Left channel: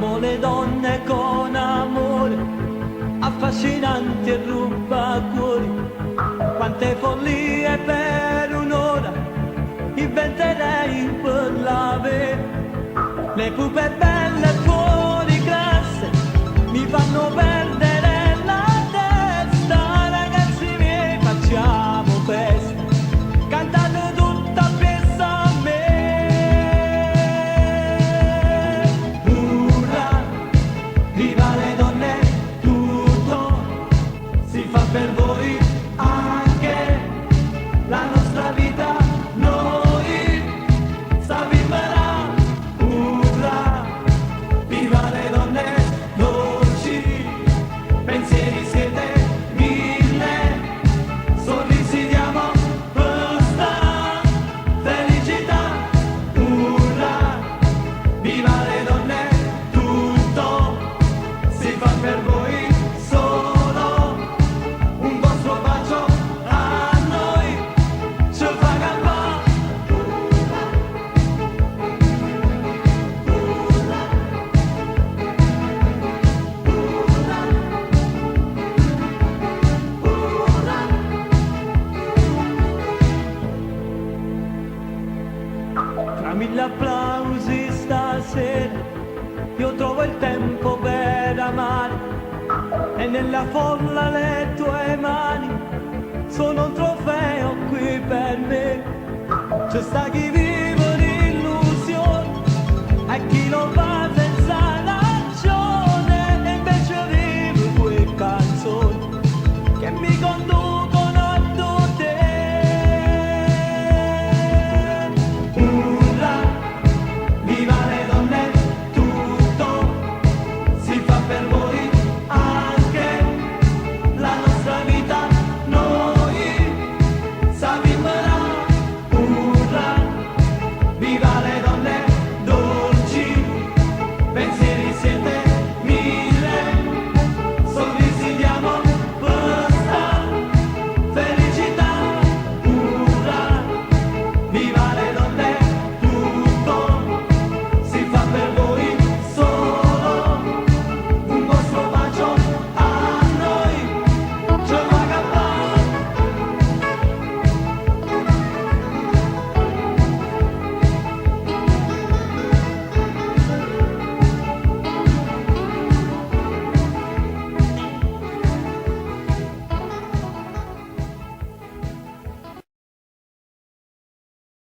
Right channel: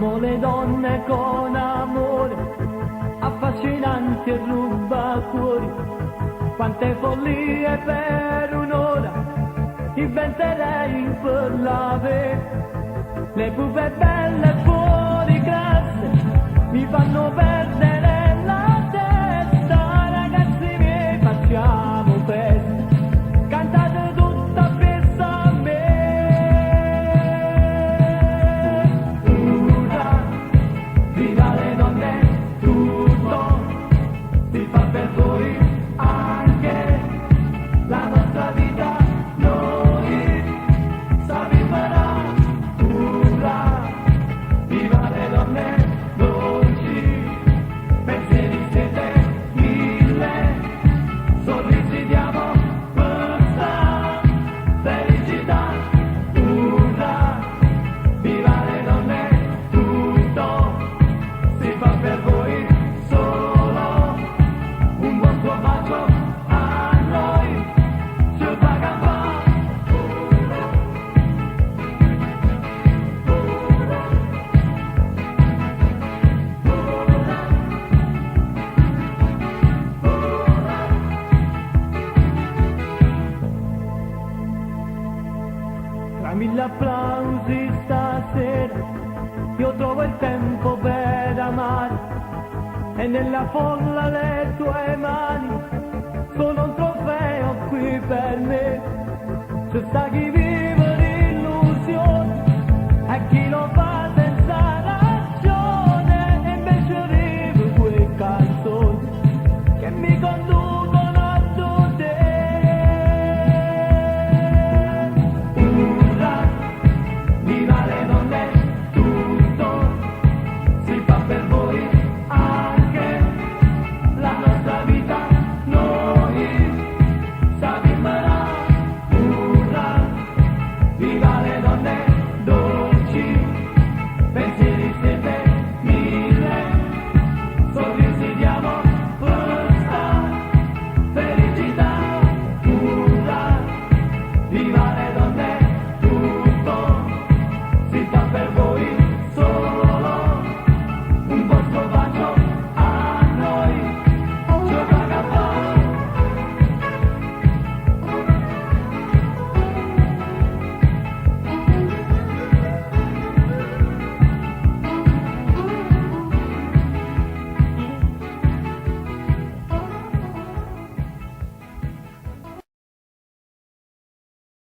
Amo le donne con amore, affascinanti e rubacuori. Quante follie per un'ora inventerei per l'avere. Le pupe belle fuori classe mi fanno perdere la testa. Ragazzi miei, facciamo festa, cantate tutta festa a me. Urrà, viva le donne, tutto si fa per voi, anche la nostra vita noi sapimerà. Urrà, viva le donne, dolci pensieri siete mille, sorrisi diamo questa felicità. Urrà, viva le donne, tutto si fa per voi, solo un vostro bacio a noi ci fa campare. Tra mille applausi stasera io trovo il tempo per amare, e nella folla le tue mani sono un trofeo qui per me. C'è sta chi vive